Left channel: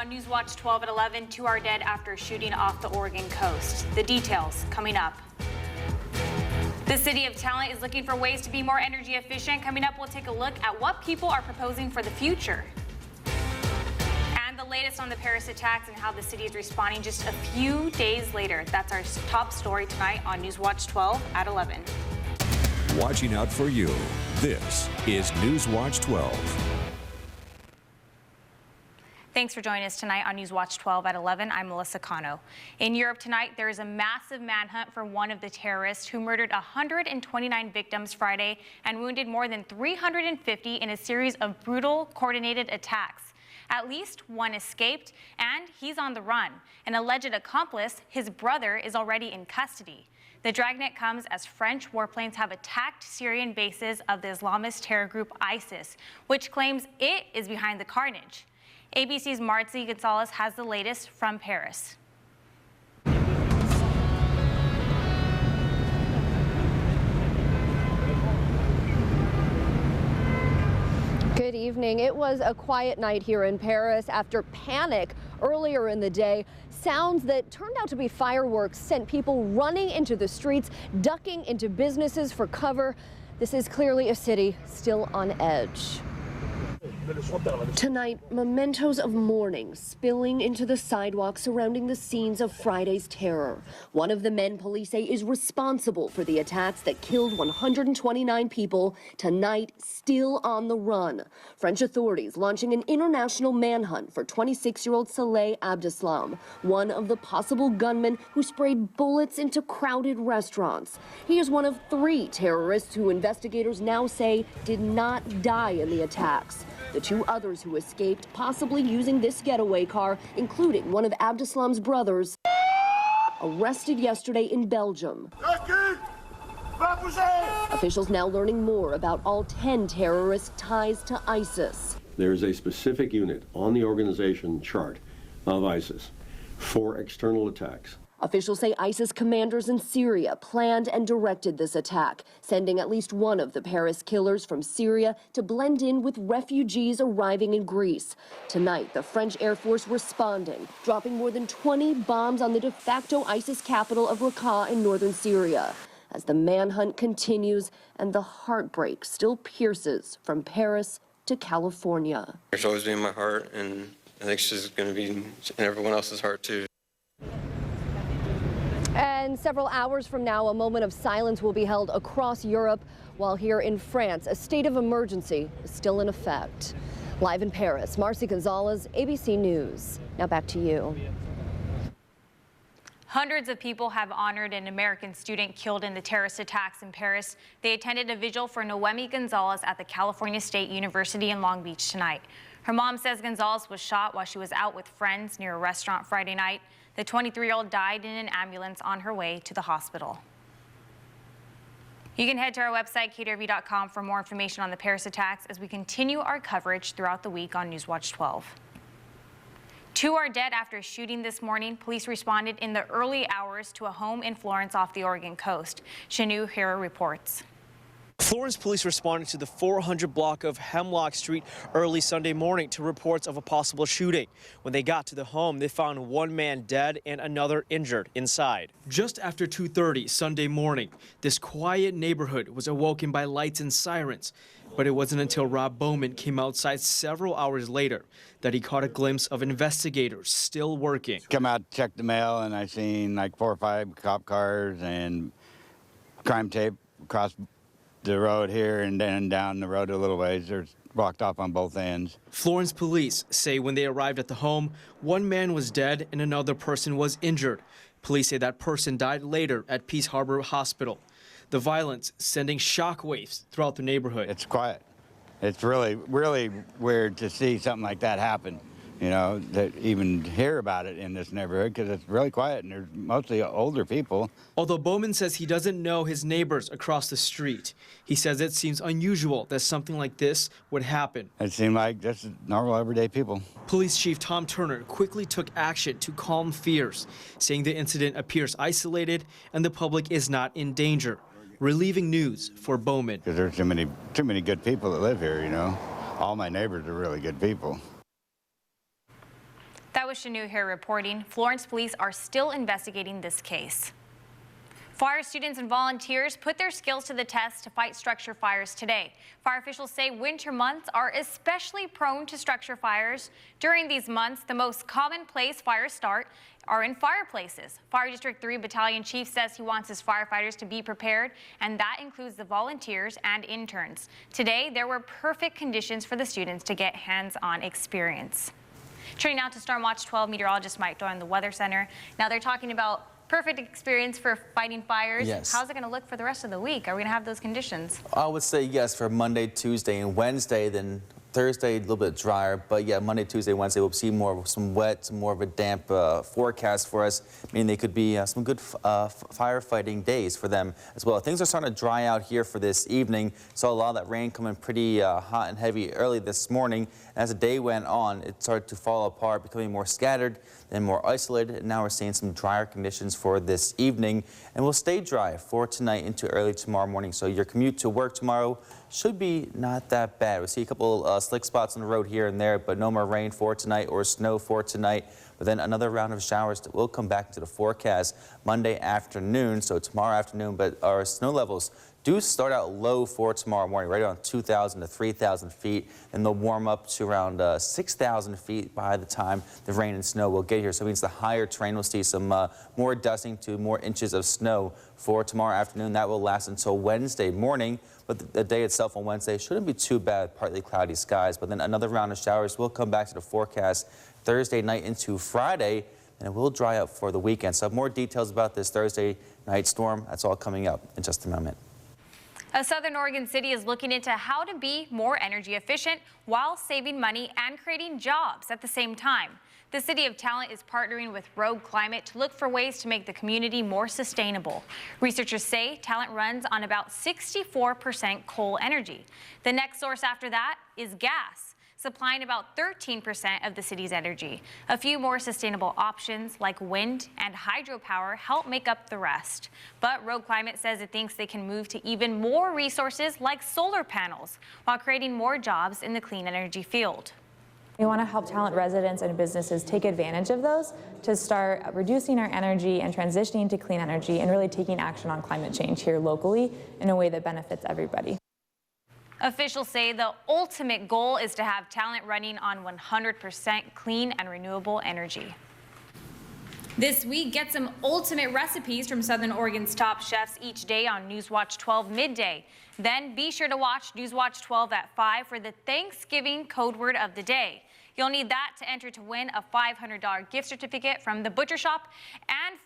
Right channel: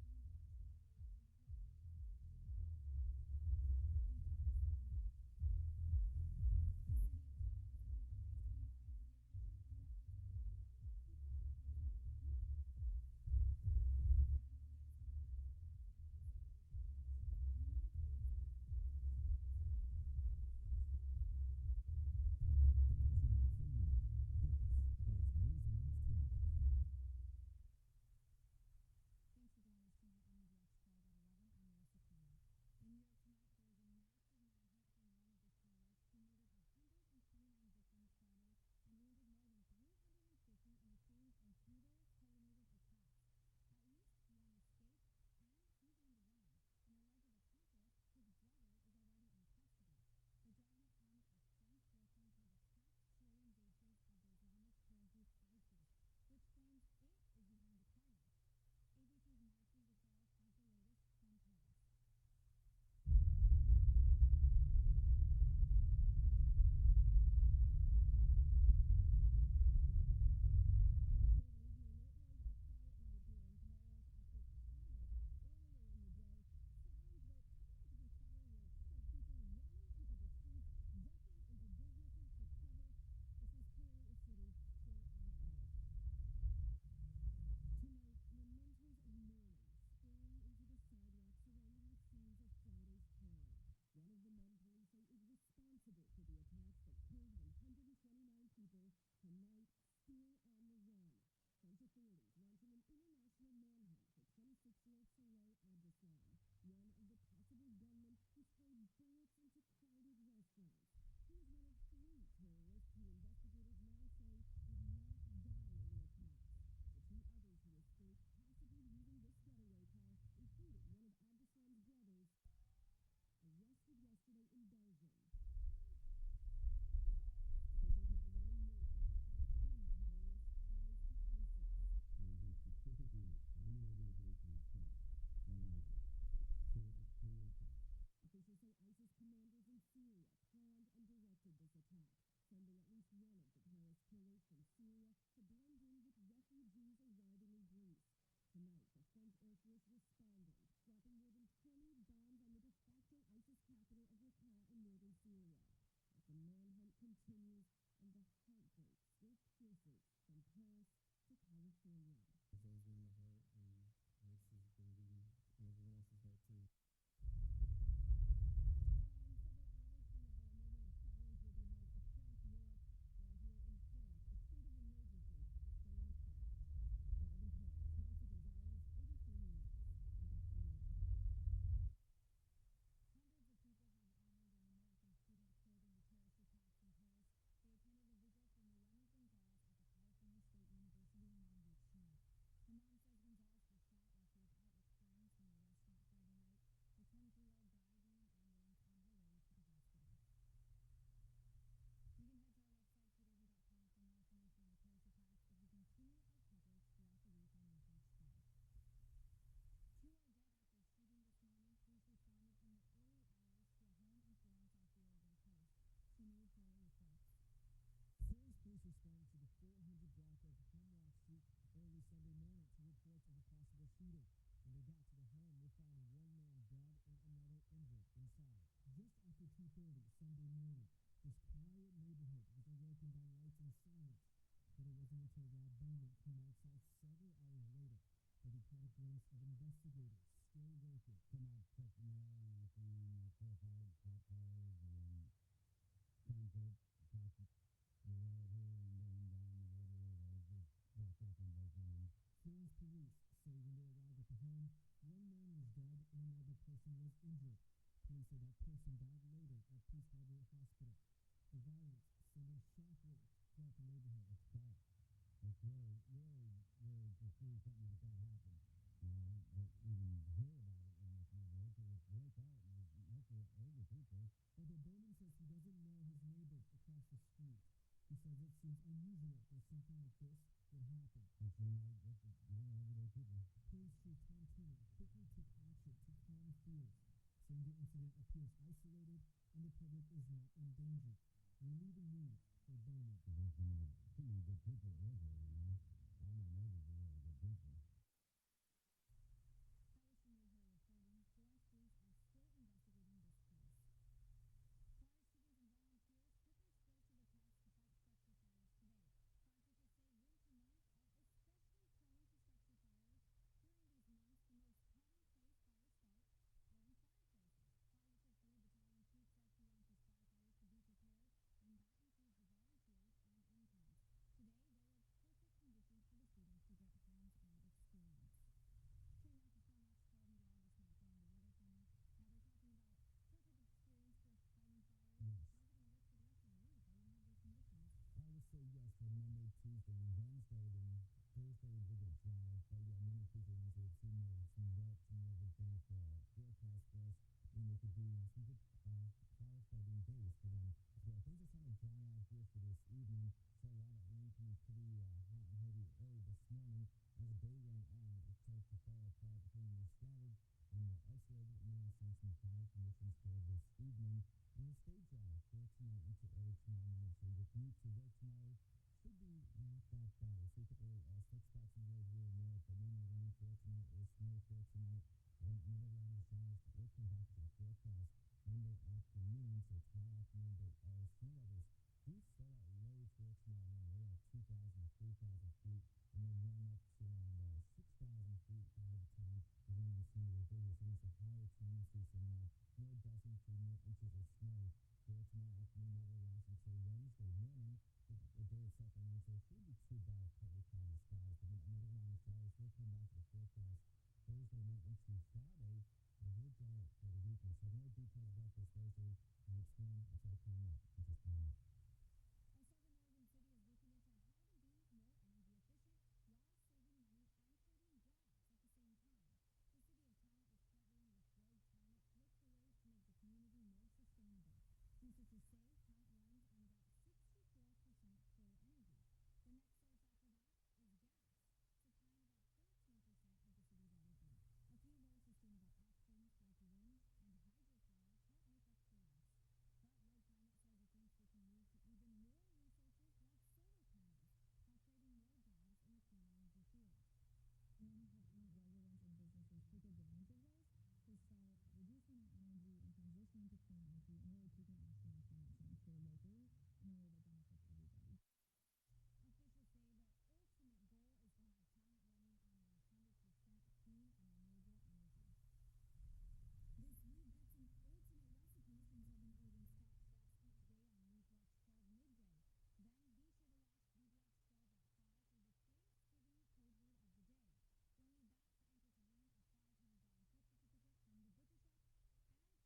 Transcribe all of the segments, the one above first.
on Newswatch 12 at 11, 2 are dead after shooting off the Oregon coast. The details coming up. The City of Talent is looking for ways to be more energy efficient. Coming up, we'll take a look at what people are proposing for the future. And the latest on the Paris attacks and how the city is responding just a few days later. That's our top story tonight on Newswatch 12 at 11. Watching out for you. This is Newswatch 12. Thanks for joining us tonight on Newswatch 12 at 11. I'm Melissa Cano. In Europe tonight, there is a massive manhunt for one of the terrorists who murdered 129 victims Friday and wounded more than 350 in a series of brutal, coordinated attacks. At least one escaped, and he's on the run. An alleged accomplice, his brother, is already in custody. The dragnet comes as French warplanes have attacked Syrian bases of the Islamist terror group ISIS, which claims it is behind the carnage. ABC's Marcy Gonzalez has the latest from Paris. Good evening. It was a quiet night here in Paris after panic earlier in the day. Sounds that turned out to be fireworks sent people running into the streets, ducking into businesses for cover. This is clearly a city still on edge. Tonight, mementos of mourning spilling into the sidewalk surrounding the scenes of Friday's terror. One of the men police say is responsible for the attacks that killed 129 people, tonight still on the run. French authorities launching an international manhunt for 26-year-old Saleh Abdeslam, one of the possible gunmen who sprayed bullets into crowded restaurants. He is one of 3 terrorists who investigators now say did not die in the attacks. The 2 others who escaped, possibly using this getaway car, including one of Abdeslam's brothers, arrested yesterday in Belgium. Officials now learning more about all 10 terrorists' ties to ISIS. There is a specific unit on the organization chart of ISIS for external attacks. Officials say ISIS commanders in Syria planned and directed this attack, sending at least one of the Paris killers from Syria to blend in with refugees arriving in Greece. Tonight, the French Air Force responding, dropping more than 20 bombs on the de facto ISIS capital of Raqqa in northern Syria. As the manhunt continues and the heartbreak still pierces from Paris to California. It's always been in my heart, and I think she's going to be in everyone else's heart, too. And several hours from now, a moment of silence will be held across Europe, while here in France, a state of emergency is still in effect. Live in Paris, Marcy Gonzalez, ABC News. Now back to you. Hundreds of people have honored an American student killed in the terrorist attacks in Paris. They attended a vigil for Noemi Gonzalez at the California State University in Long Beach tonight. Her mom says Gonzalez was shot while she was out with friends near a restaurant Friday night. The 23-year-old died in an ambulance on her way to the hospital. You can head to our website, KTRV.com, for more information on the Paris attacks as we continue our coverage throughout the week on Newswatch 12. 2 are dead after a shooting this morning. Police responded in the early hours to a home in Florence off the Oregon coast. Shanu Hira reports. Florence police responded to the 400 block of Hemlock Street early Sunday morning to reports of a possible shooting. When they got to the home, they found one man dead and another injured inside. Just after 2:30 Sunday morning, this quiet neighborhood was awoken by lights and sirens. But it wasn't until Rob Bowman came outside several hours later that he caught a glimpse of investigators still working. Come out, check the mail, and I seen like 4 or 5 cop cars and crime tape across the road here and then down the road a little ways. They're blocked off on both ends. Florence police say when they arrived at the home, one man was dead and another person was injured. Police say that person died later at Peace Harbor Hospital. The violence sending shockwaves throughout the neighborhood. It's quiet. It's really, really weird to see something like that happen. You know, to even hear about it in this neighborhood because it's really quiet and there's mostly older people. Although Bowman says he doesn't know his neighbors across the street, he says it seems unusual that something like this would happen. It seemed like just normal, everyday people. Police Chief Tom Turner quickly took action to calm fears, saying the incident appears isolated and the public is not in danger. Relieving news for Bowman. Because there's too many good people that live here, you know. All my neighbors are really good people. That was Shanu here reporting. Florence police are still investigating this case. Fire students and volunteers put their skills to the test to fight structure fires today. Fire officials say winter months are especially prone to structure fires. During these months, the most common place fires start are in fireplaces. Fire District 3 Battalion Chief says he wants his firefighters to be prepared, and that includes the volunteers and interns. Today, there were perfect conditions for the students to get hands-on experience. Turning now to Storm Watch 12 meteorologist Mike Doyle in the Weather Center. Now they're talking about perfect experience for fighting fires. Yes. How's it going to look for the rest of the week? Are we going to have those conditions? I would say yes for Monday, Tuesday, and Wednesday. Then Thursday, a little bit drier. But yeah, Monday, Tuesday, Wednesday, we'll see some wet, some more of a damp forecast for us, meaning they could be some good firefighting days for them as well. Things are starting to dry out here for this evening. Saw a lot of that rain coming pretty hot and heavy early this morning. As the day went on, it started to fall apart, becoming more scattered and more isolated. And now we're seeing some drier conditions for this evening, and will stay dry for tonight into early tomorrow morning. So your commute to work tomorrow should be not that bad. We'll see a couple slick spots on the road here and there, but no more rain for tonight or snow for tonight. But then another round of showers that will come back to the forecast Monday afternoon, so tomorrow afternoon. But our snow levels do start out low for tomorrow morning, right around 2,000 to 3,000 feet, and they'll warm up to around 6,000 feet by the time the rain and snow will get here. So it means the higher terrain will see some more dusting to more inches of snow for tomorrow afternoon. That will last until Wednesday morning, but the day itself on Wednesday shouldn't be too bad, partly cloudy skies. But then another round of showers will come back to the forecast Thursday night into Friday, and it will dry up for the weekend. So more details about this Thursday night storm, that's all coming up in just a moment. A Southern Oregon city is looking into how to be more energy efficient while saving money and creating jobs at the same time. The City of Talent is partnering with Rogue Climate to look for ways to make the community more sustainable. Researchers say Talent runs on about 64% coal energy. The next source after that is gas, supplying about 13% of the city's energy. A few more sustainable options like wind and hydropower help make up the rest. But Rogue Climate says it thinks they can move to even more resources like solar panels while creating more jobs in the clean energy field. We want to help Talent residents and businesses take advantage of those to start reducing our energy and transitioning to clean energy and really taking action on climate change here locally in a way that benefits everybody. Officials say the ultimate goal is to have Talent running on 100% clean and renewable energy. This week, get some ultimate recipes from Southern Oregon's top chefs each day on Newswatch 12 midday. Then be sure to watch Newswatch 12 at 5 for the Thanksgiving code word of the day. You'll need that to enter to win a $500 gift certificate from the Butcher Shop and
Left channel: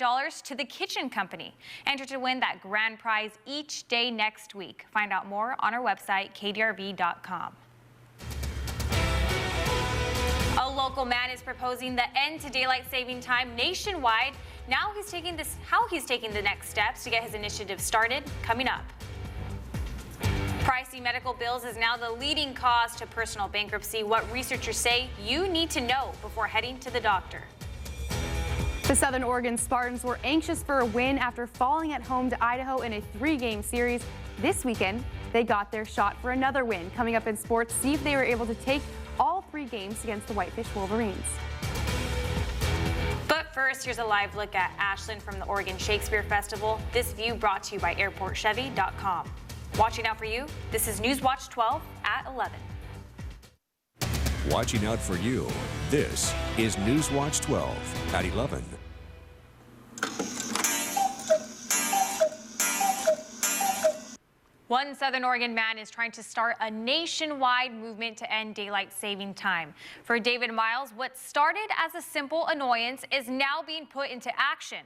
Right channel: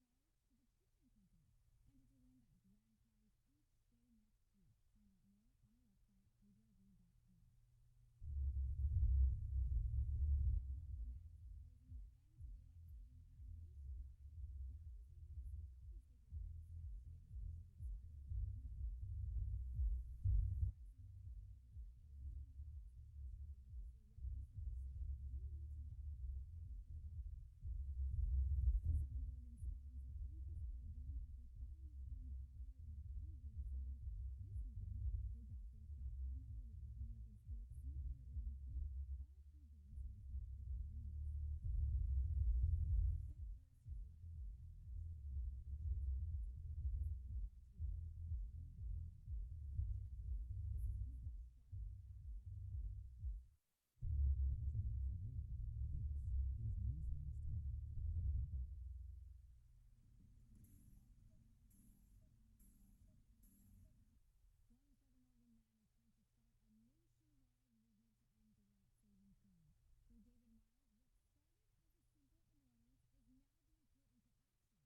$500 to the Kitchen Company. Enter to win that grand prize each day next week. Find out more on our website, kdrv.com. A local man is proposing the end to daylight saving time nationwide. Now how he's taking the next steps to get his initiative started, coming up. Pricey medical bills is now the leading cause to personal bankruptcy. What researchers say you need to know before heading to the doctor. The Southern Oregon Spartans were anxious for a win after falling at home to Idaho in a 3-game series. This weekend, they got their shot for another win. Coming up in sports, see if they were able to take all 3 games against the Whitefish Wolverines. But first, here's a live look at Ashland from the Oregon Shakespeare Festival. This view brought to you by airportchevy.com. Watching out for you, this is Newswatch 12 at 11. Watching out for you, this is Newswatch 12 at 11. One Southern Oregon man is trying to start a nationwide movement to end daylight saving time. For David Miles, what started as a simple annoyance is now being put into action.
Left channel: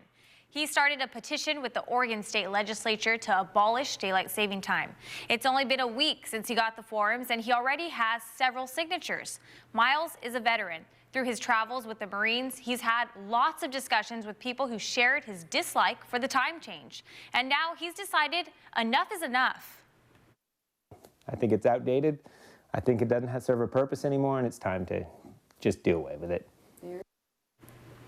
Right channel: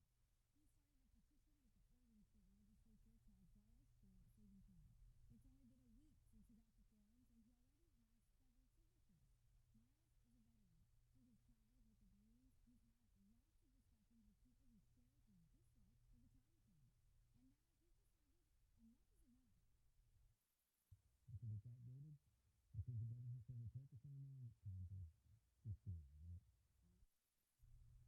He started a petition with the Oregon State Legislature to abolish daylight saving time. It's only been a week since he got the forms, and he already has several signatures. Miles is a veteran. Through his travels with the Marines, he's had lots of discussions with people who shared his dislike for the time change. And now he's decided enough is enough. I think it's outdated. I think it doesn't serve a purpose anymore, and it's time to just do away with it.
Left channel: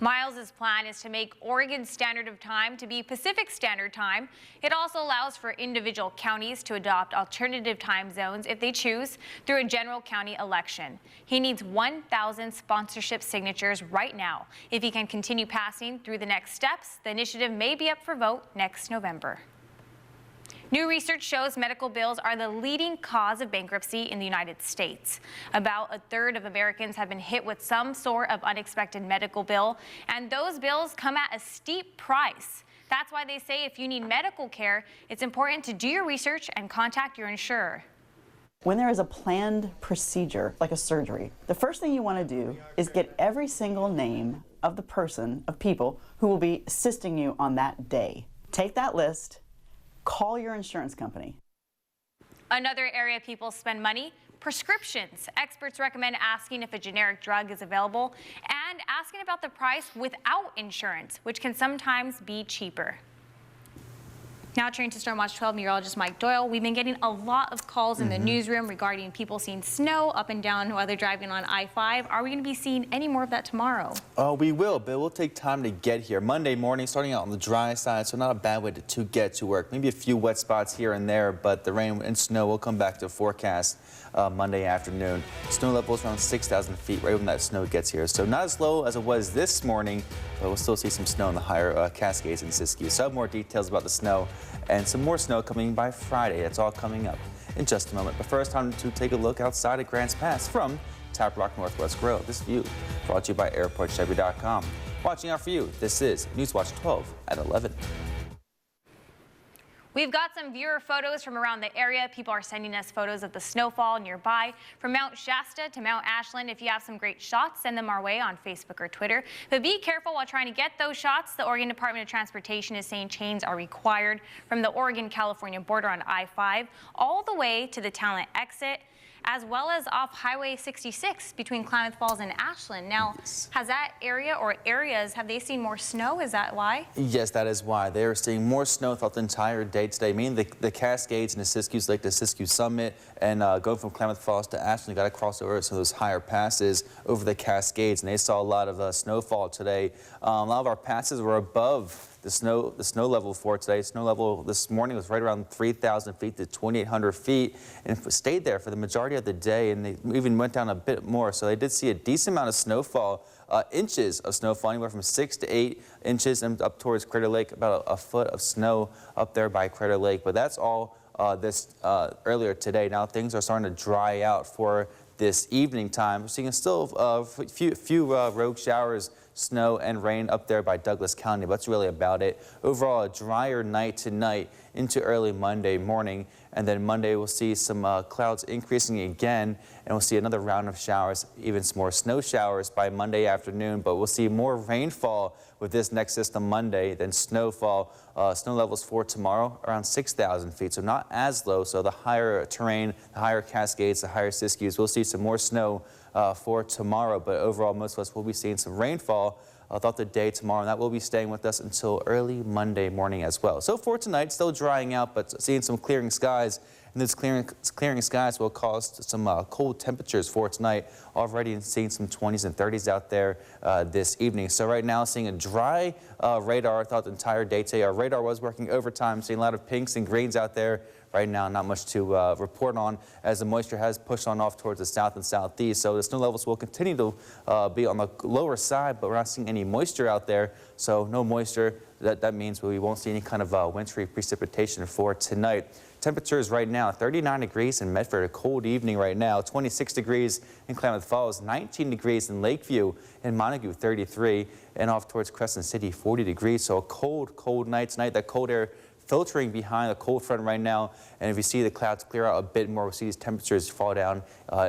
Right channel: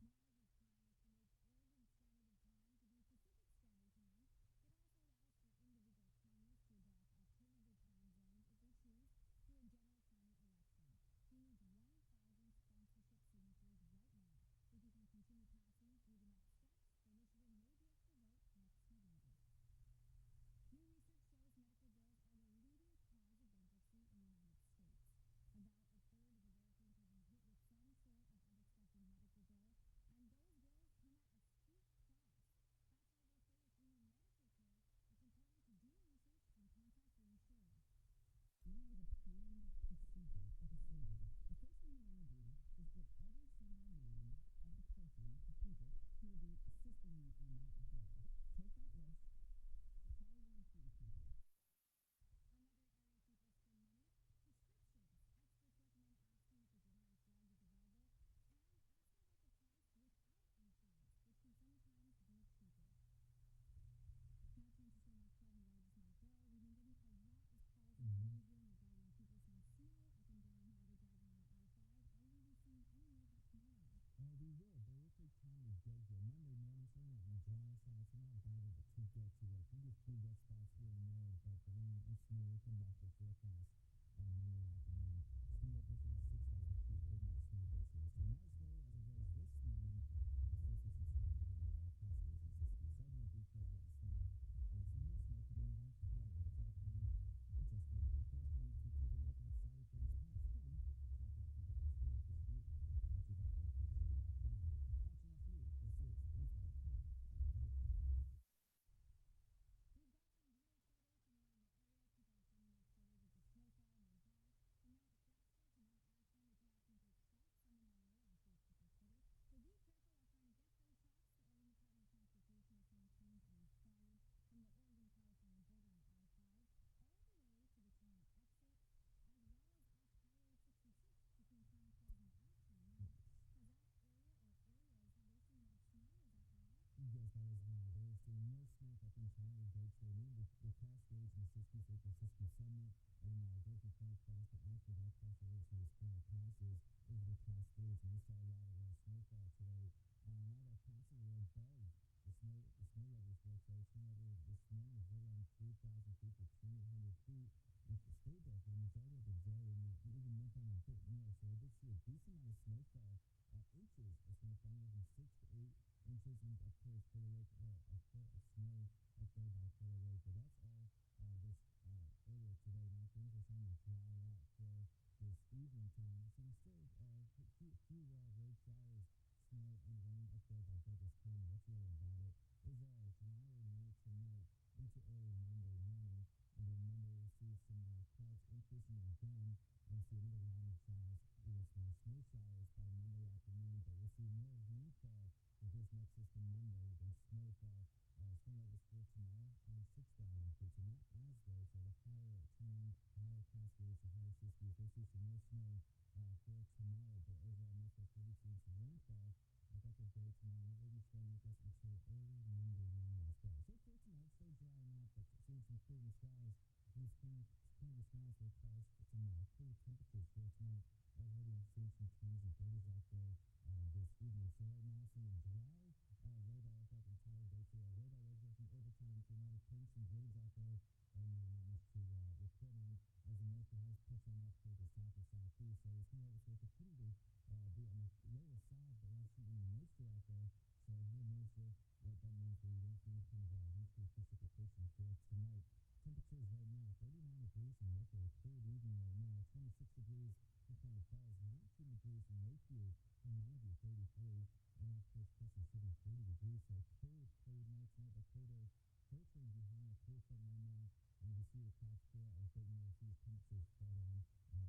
Miles's plan is to make Oregon's standard of time to be Pacific Standard Time. It also allows for individual counties to adopt alternative time zones if they choose through a general county election. He needs 1,000 sponsorship signatures right now. If he can continue passing through the next steps, the initiative may be up for vote next November. New research shows medical bills are the leading cause of bankruptcy in the United States. About a third of Americans have been hit with some sort of unexpected medical bill, and those bills come at a steep price. That's why they say if you need medical care, it's important to do your research and contact your insurer. When there is a planned procedure, like a surgery, the first thing you want to do is get every single name of the person, of people who will be assisting you on that day. Take that list, call your insurance company. Another area people spend money, prescriptions. Experts recommend asking if a generic drug is available and asking about the price without insurance, which can sometimes be cheaper. Now turning to Stormwatch 12 meteorologist Mike Doyle, we've been getting a lot of calls in the newsroom regarding people seeing snow up and down while they're driving on I-5. Are we going to be seeing any more of that tomorrow? Oh, we will, but it will take time to get here. Monday morning, starting out on the dry side, so not a bad way to get to work. Maybe a few wet spots here and there, but the rain and snow will come back to forecast Monday afternoon. Snow levels around 6,000 feet right when that snow gets here. So not as low as it was this morning, but we'll still see some snow in the higher Cascades and Siskiyou. So I have more details about the snow and some more snow coming by Friday. That's all coming up in just a moment. But first, time to take a look outside at Grants Pass from Tap Rock Northwest Grill. This view brought to you by AirportChevy.com. Watching out for you, this is Newswatch 12 at 11. We've got some viewer photos from around the area. People are sending us photos of the snowfall nearby. From Mount Shasta to Mount Ashland, if you have some great shots, send them our way on Facebook or Twitter. But be careful while trying to get those shots. The Oregon Department of Transportation is saying chains are required from the Oregon-California border on I-5 all the way to the Talent exit, as well as off Highway 66 between Klamath Falls and Ashland. Now, has that area or areas, have they seen more snow? Is that why? Yes, that is why. They are seeing more snow throughout the entire day today, meaning the Cascades and the Siskiyous Lake to Siskiyou Summit, and going from Klamath Falls to Ashland, you got to cross over some of those higher passes over the Cascades, and they saw a lot of snowfall today. A lot of our passes were above the snow level for today. Snow level this morning was right around 3,000 feet to 2,800 feet, and stayed there for the majority of the day, and they even went down a bit more. So they did see a decent amount of snowfall, inches of snowfall, anywhere from 6 to 8 inches, and up towards Crater Lake, about a foot of snow up there by Crater Lake. But that's all earlier today. Now things are starting to dry out for this evening time. We're seeing still a few rogue showers, snow and rain up there by Douglas County, but that's really about it. Overall, a drier night tonight into early Monday morning, and then Monday we'll see some clouds increasing again, and we'll see another round of showers, even some more snow showers by Monday afternoon, but we'll see more rainfall with this next system Monday than snowfall. Snow levels for tomorrow around 6,000 feet, so not as low. So the higher terrain, the higher Cascades, the higher Siskiyous, we'll see some more snow for tomorrow, but overall most of us will be seeing some rainfall throughout the day tomorrow, and that will be staying with us until early Monday morning as well. So for tonight, still drying out, but seeing some clearing skies, and those clearing skies will cause some cold temperatures for tonight. Already seeing some 20s and 30s out there this evening. So right now, seeing a dry radar throughout the entire day today. Our radar was working overtime, seeing a lot of pinks and greens out there. Right now, not much to report on, as the moisture has pushed on off towards the south and southeast. So the snow levels will continue to be on the lower side, but we're not seeing any moisture out there. So no moisture, that means we won't see any kind of wintry precipitation for tonight. Temperatures right now, 39 degrees in Medford, a cold evening right now, 26 degrees in Klamath Falls, 19 degrees in Lakeview, and Montague, 33, and off towards Crescent City, 40 degrees. So a cold night tonight. That cold air filtering behind a cold front right now, and if you see the clouds clear out a bit more, we'll see these temperatures fall down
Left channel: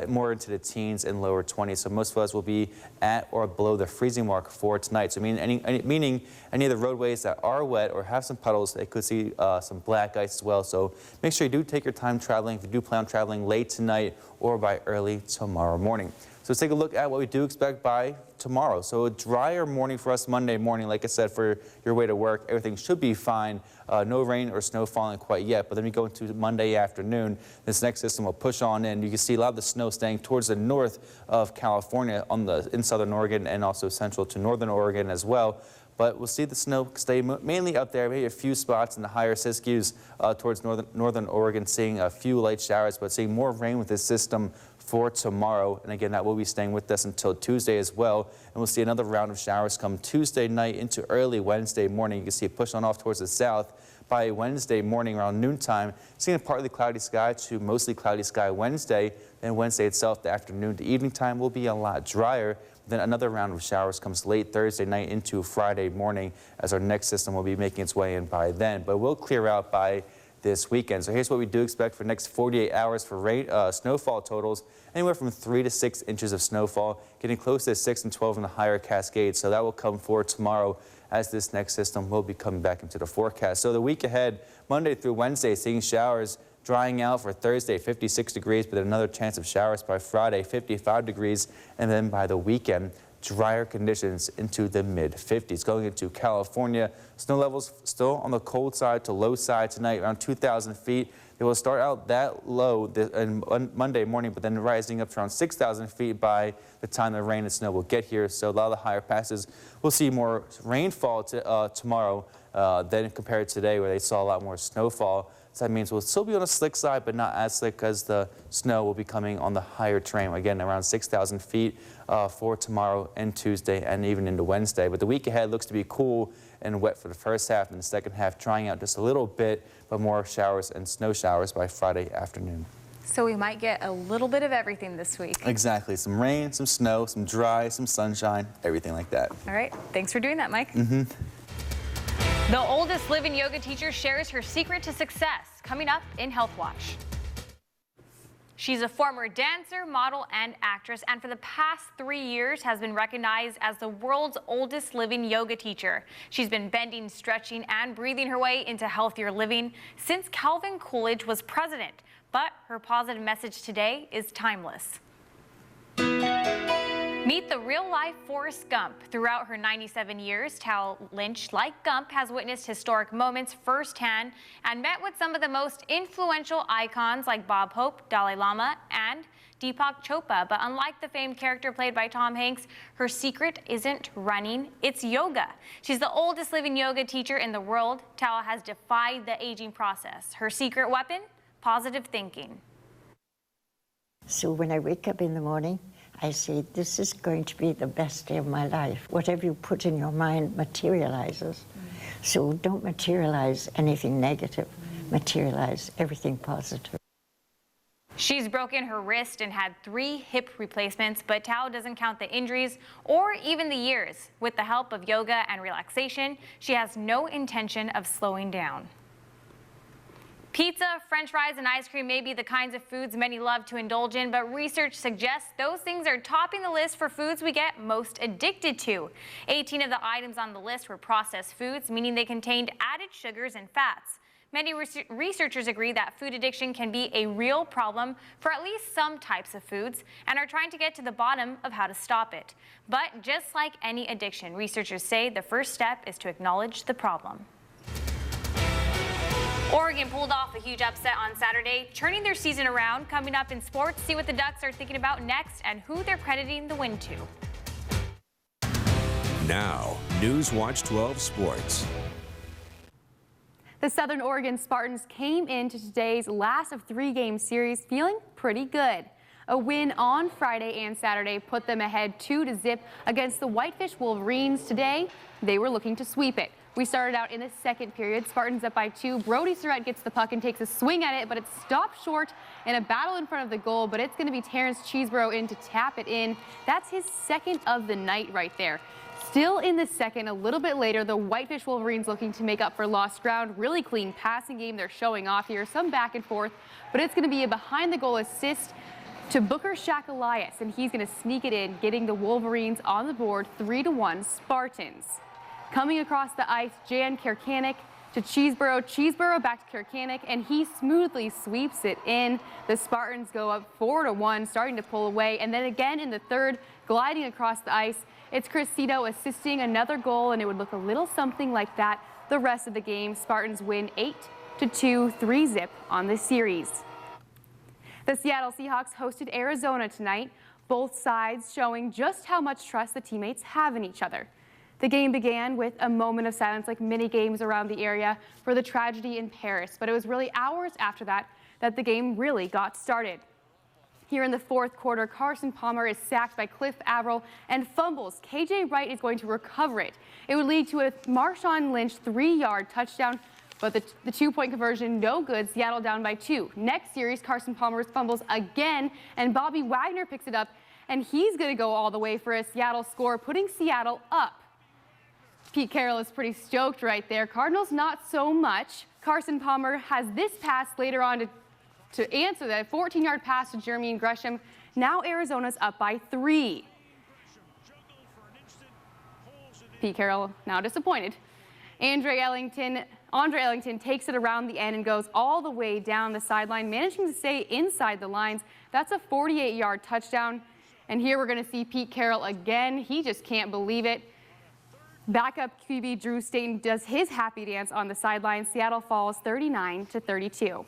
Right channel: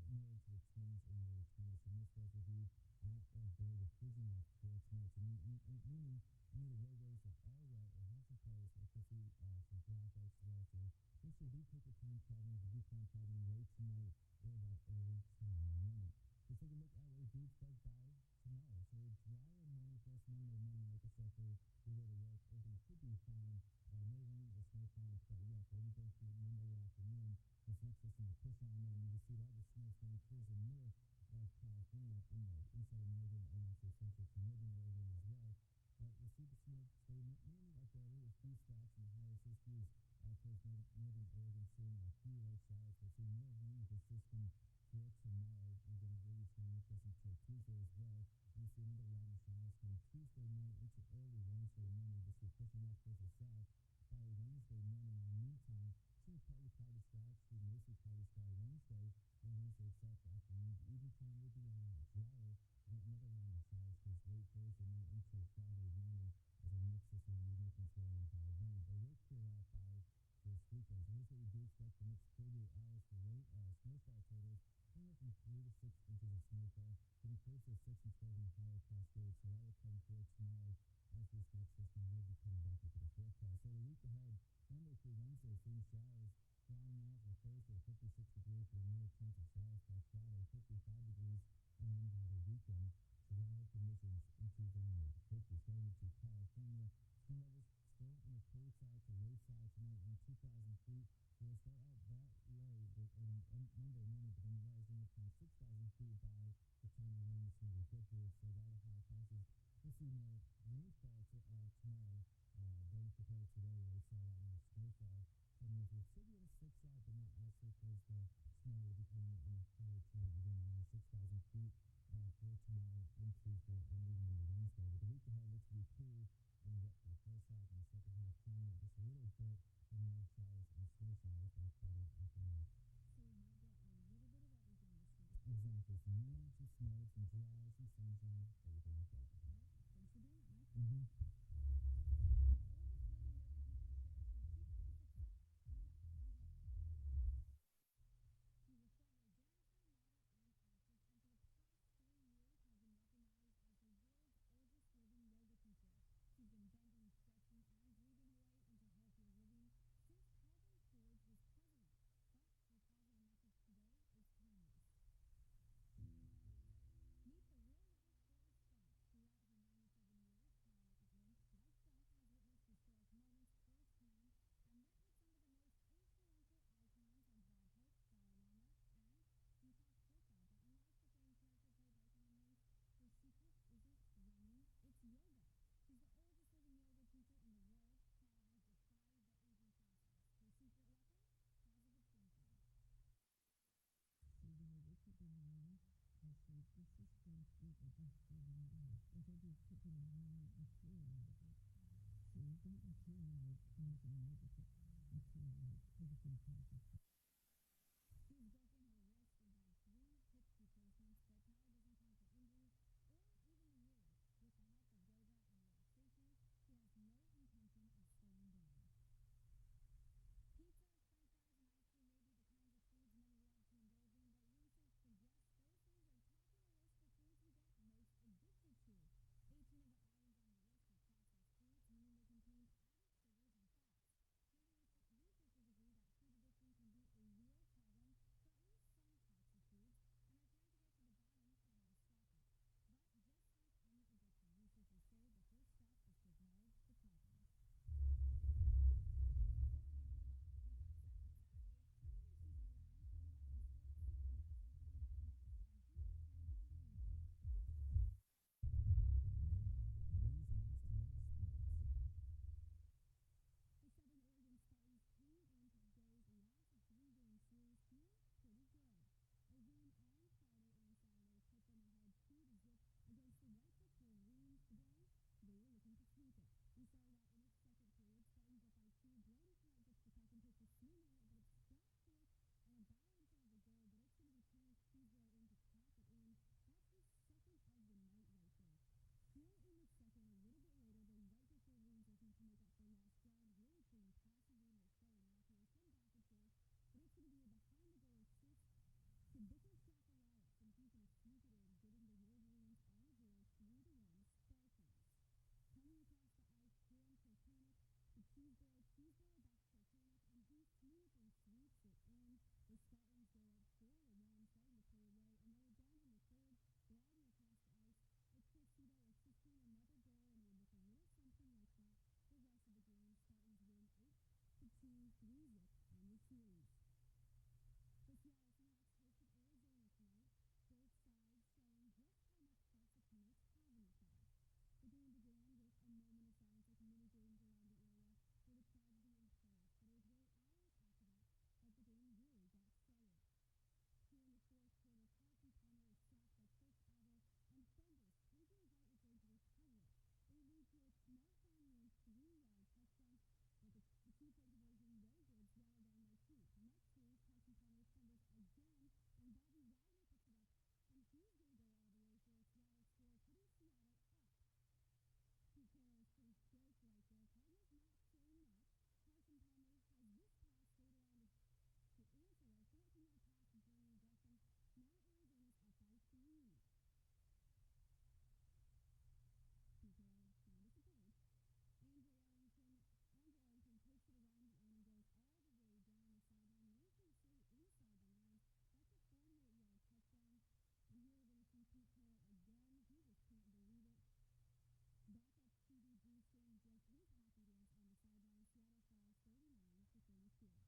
more into the teens and lower 20s. So most of us will be at or below the freezing mark for tonight. So meaning any of the roadways that are wet or have some puddles, they could see some black ice as well. So make sure you do take your time traveling if you do plan on traveling late tonight or by early tomorrow morning. So So let's take a look at what we do expect by tomorrow. So a drier morning for us Monday morning. Like I said, for your way to work, everything should be fine. No rain or snow falling quite yet, but then we go into Monday afternoon. This next system will push on in. You can see a lot of the snow staying towards the north of California in southern Oregon and also central to northern Oregon as well. But we'll see the snow stay mainly up there, maybe a few spots in the higher Siskiyous towards northern Oregon, seeing a few light showers, but seeing more rain with this system for tomorrow. And again, that will be staying with us until Tuesday as well. And we'll see another round of showers come Tuesday night into early Wednesday morning. You can see it push on off towards the south. By Wednesday morning around noontime, seeing a partly cloudy sky to mostly cloudy sky Wednesday. And Wednesday itself, the afternoon to evening time will be a lot drier. Then another round of showers comes late Thursday night into Friday morning as our next system will be making its way in by then. But we'll clear out by this weekend. So here's what we do expect for the next 48 hours for snowfall totals. Anywhere from 3 to 6 inches of snowfall, getting close to 6 and 12 in the higher Cascades. So that will come forward tomorrow as this next system will be coming back into the forecast. So the week ahead, Monday through Wednesday, seeing showers drying out for Thursday, 56 degrees, but another chance of showers by Friday, 55 degrees. And then by the weekend, drier conditions into the mid-50s. Going into California, snow levels still on the cold side to low side tonight, around 2,000 feet. They will start out that low on Monday morning, but then rising up to around 6,000 feet by the time the rain and snow will get here. So a lot of the higher passes will see more rainfall tomorrow than compared to today, where they saw a lot more snowfall. So that means we'll still be on the slick side, but not as slick because the snow will be coming on the higher terrain. Again, around 6,000 feet for tomorrow and Tuesday and even into Wednesday. But the week ahead looks to be cool and wet for the first half, and the second half drying out just a little bit, but more showers and snow showers by Friday afternoon. So we might get a little bit of everything this week. Exactly. Some rain, some snow, some dry, some sunshine, everything like that. All right. Thanks for doing that, Mike. The oldest living yoga teacher shares her secret to success, coming up in Health Watch. She's a former dancer, model, and actress, and for the past 3 years has been recognized as the world's oldest living yoga teacher. She's been bending, stretching, and breathing her way into healthier living since Calvin Coolidge was president. But her positive message today is timeless. Meet the real-life Forrest Gump. Throughout her 97 years, Tal Lynch, like Gump, has witnessed historic moments firsthand and met with some of the most influential icons like Bob Hope, Dalai Lama, and Deepak Chopra. But unlike the famed character played by Tom Hanks, her secret isn't running, it's yoga. She's the oldest living yoga teacher in the world. Tal has defied the aging process. Her secret weapon? Positive thinking. So when I wake up in the morning, I say, this is going to be the best day of my life. Whatever you put in your mind materializes. So don't materialize anything negative. Materialize everything positive. She's broken her wrist and had 3 hip replacements, but Tal doesn't count the injuries or even the years. With the help of yoga and relaxation, she has no intention of slowing down. Pizza, French fries, and ice cream may be the kinds of foods many love to indulge in, but research suggests those things are topping the list for foods we get most addicted to. 18 of the items on the list were processed foods, meaning they contained added sugars and fats. Many researchers agree that food addiction can be a real problem for at least some types of foods and are trying to get to the bottom of how to stop it. But just like any addiction, researchers say the first step is to acknowledge the problem. Oregon pulled off a huge upset on Saturday, turning their season around. Coming up in sports, see what the Ducks are thinking about next and who they're crediting the win to. Now, News Watch 12 Sports. The Southern Oregon Spartans came into today's last of 3-game series feeling pretty good. A win on Friday and Saturday put them ahead 2-0 against the Whitefish Wolverines. Today, they were looking to sweep it. We started out in the second period. Spartans up by 2. Brody Surratt gets the puck and takes a swing at it, but it's stopped short in a battle in front of the goal. But it's going to be Terrence Cheeseborough in to tap it in. That's his second of the night right there. Still in the second, a little bit later, the Whitefish Wolverines looking to make up for lost ground. Really clean passing game they're showing off here. Some back and forth, but it's going to be a behind-the-goal assist to Booker Shack-Elias, and he's going to sneak it in, getting the Wolverines on the board 3-1 Spartans. Coming across the ice, Jan Kerkanik to Cheeseboro. Cheeseboro back to Kirkanick, and he smoothly sweeps it in. The Spartans go up 4-1, starting to pull away, and then again in the third, gliding across the ice. It's Cressito assisting another goal, and it would look a little something like that the rest of the game. Spartans win 8-2, 3-zip on the series. The Seattle Seahawks hosted Arizona tonight, both sides showing just how much trust the teammates have in each other. The game began with a moment of silence, like many games around the area, for the tragedy in Paris, but it was really hours after that that the game really got started. Here in the fourth quarter, Carson Palmer is sacked by Cliff Averill and fumbles. KJ Wright is going to recover it. It would lead to a Marshawn Lynch 3-yard touchdown, but the two-point conversion no good. Seattle down by 2. Next series, Carson Palmer fumbles again, and Bobby Wagner picks it up, and he's going to go all the way for a Seattle score, putting Seattle up. Pete Carroll is pretty stoked right there. Cardinals not so much. Carson Palmer has this pass later on to answer that 14-yard pass to Jeremy Gresham. Now Arizona's up by 3. Pete Carroll now disappointed. Andre Ellington takes it around the end and goes all the way down the sideline, managing to stay inside the lines. That's a 48-yard touchdown. And here we're going to see Pete Carroll again. He just can't believe it. Backup QB Drew Staten does his happy dance on the sideline. Seattle falls 39-32.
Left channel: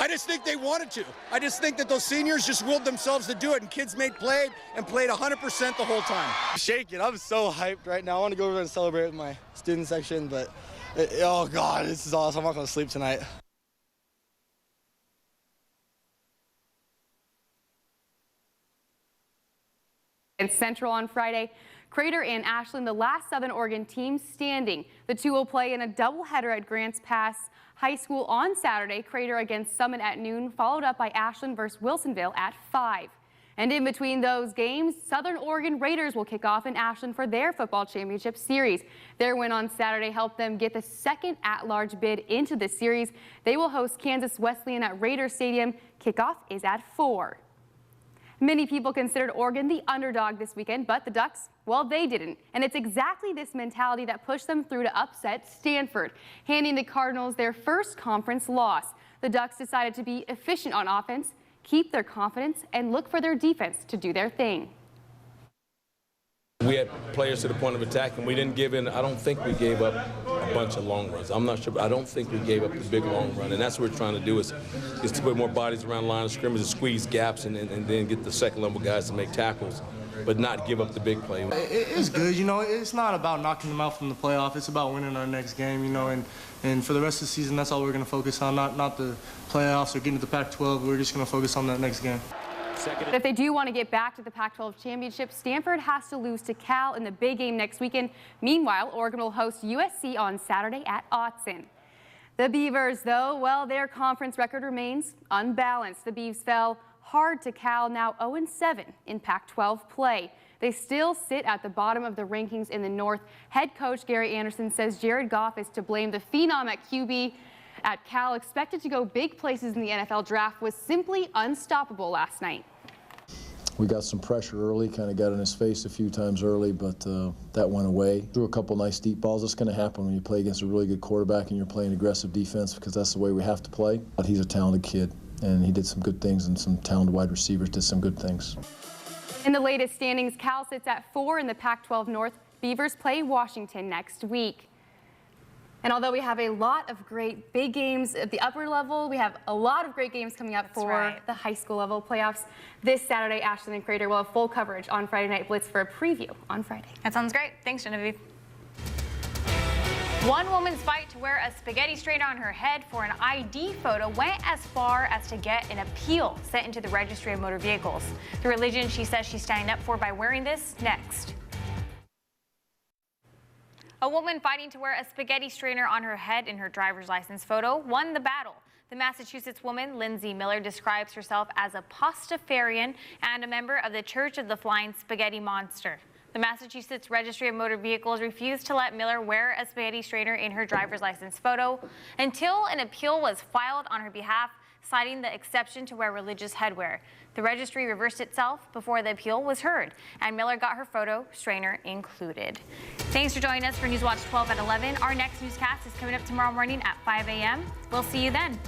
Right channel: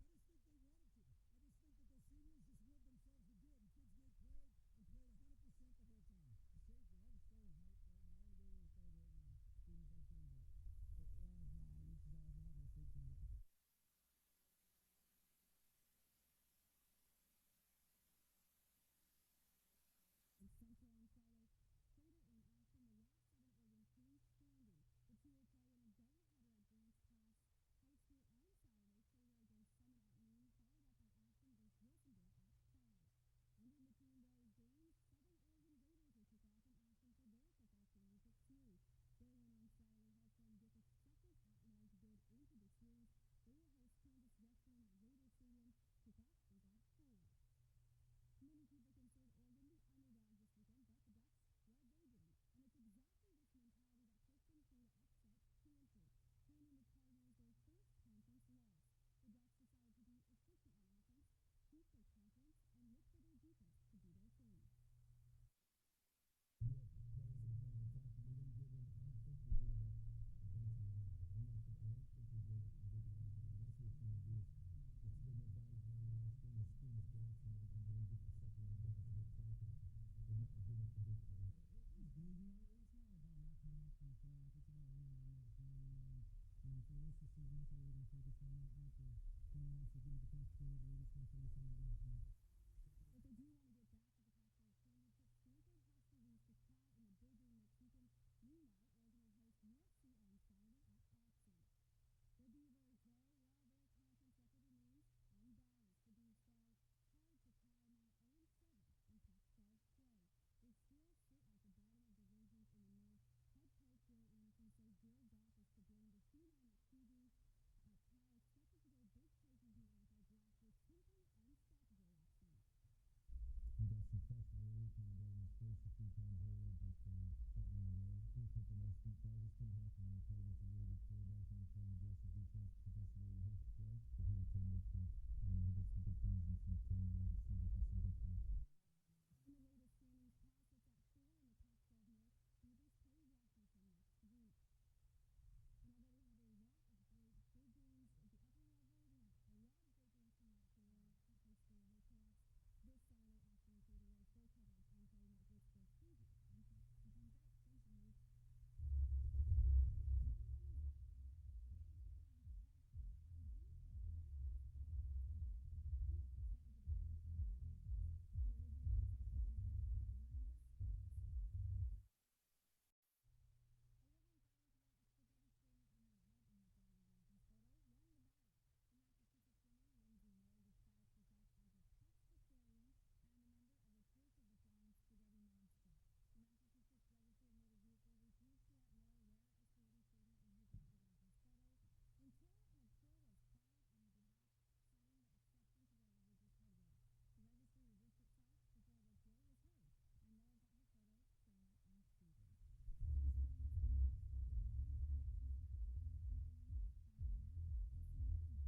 I just think they wanted to. I just think that those seniors just willed themselves to do it, and kids made played 100% the whole time. Shaking. I'm so hyped right now. I want to go over there and celebrate with my student section, but oh God, this is awesome. I'm not going to sleep tonight. And Central on Friday, Crater and Ashland, the last Southern Oregon team standing. The two will play in a doubleheader at Grants Pass High School on Saturday. Crater against Summit at noon, followed up by Ashland versus Wilsonville at 5. And in between those games, Southern Oregon Raiders will kick off in Ashland for their football championship series. Their win on Saturday helped them get the second at-large bid into the series. They will host Kansas Wesleyan at Raider Stadium. Kickoff is at 4. Many people considered Oregon the underdog this weekend, but the Ducks, well, they didn't. And it's exactly this mentality that pushed them through to upset Stanford, handing the Cardinals their first conference loss. The Ducks decided to be efficient on offense, keep their confidence, and look for their defense to do their thing. We had players to the point of attack, and we didn't give in. I don't think we gave up a bunch of long runs. I'm not sure, but I don't think we gave up the big long run, and that's what we're trying to do is to put more bodies around the line of scrimmage, to squeeze gaps, and then get the second-level guys to make tackles, but not give up the big play. It's good, you know. It's not about knocking them out from the playoff. It's about winning our next game, you know, and for the rest of the season, that's all we're going to focus on, not the playoffs or getting to the Pac-12. We're just going to focus on that next game. If they do want to get back to the Pac-12 championship, Stanford has to lose to Cal in the big game next weekend. Meanwhile, Oregon will host USC on Saturday at Autzen. The Beavers, though, well, their conference record remains unbalanced. The Beavs fell hard to Cal, now 0-7 in Pac-12 play. They still sit at the bottom of the rankings in the North. Head coach Gary Anderson says Jared Goff is to blame. The phenom at QB at Cal, expected to go big places in the NFL draft, was simply unstoppable last night. We got some pressure early, kind of got in his face a few times early, but that went away. Threw a couple nice deep balls. That's going to happen when you play against a really good quarterback and you're playing aggressive defense, because that's the way we have to play. But he's a talented kid, and he did some good things, and some talented wide receivers did some good things. In the latest standings, Cal sits at 4 in the Pac-12 North. Beavers play Washington next week. And although we have a lot of great big games at the upper level, we have a lot of great games coming up for the high school level playoffs. This Saturday, Ashland and Crater will have full coverage on Friday Night Blitz for a preview on Friday. That sounds great. Thanks, Genevieve. One woman's fight to wear a spaghetti strainer on her head for an ID photo went as far as to get an appeal sent into the Registry of Motor Vehicles. The religion she says she's standing up for by wearing this next. A woman fighting to wear a spaghetti strainer on her head in her driver's license photo won the battle. The Massachusetts woman, Lindsay Miller, describes herself as a Pastafarian and a member of the Church of the Flying Spaghetti Monster. The Massachusetts Registry of Motor Vehicles refused to let Miller wear a spaghetti strainer in her driver's license photo until an appeal was filed on her behalf. citing the exception to wear religious headwear. The registry reversed itself before the appeal was heard, and Miller got her photo strainer included. Thanks for joining us for News Watch 12 at 11. Our next newscast is coming up tomorrow morning at 5 a.m. We'll see you then.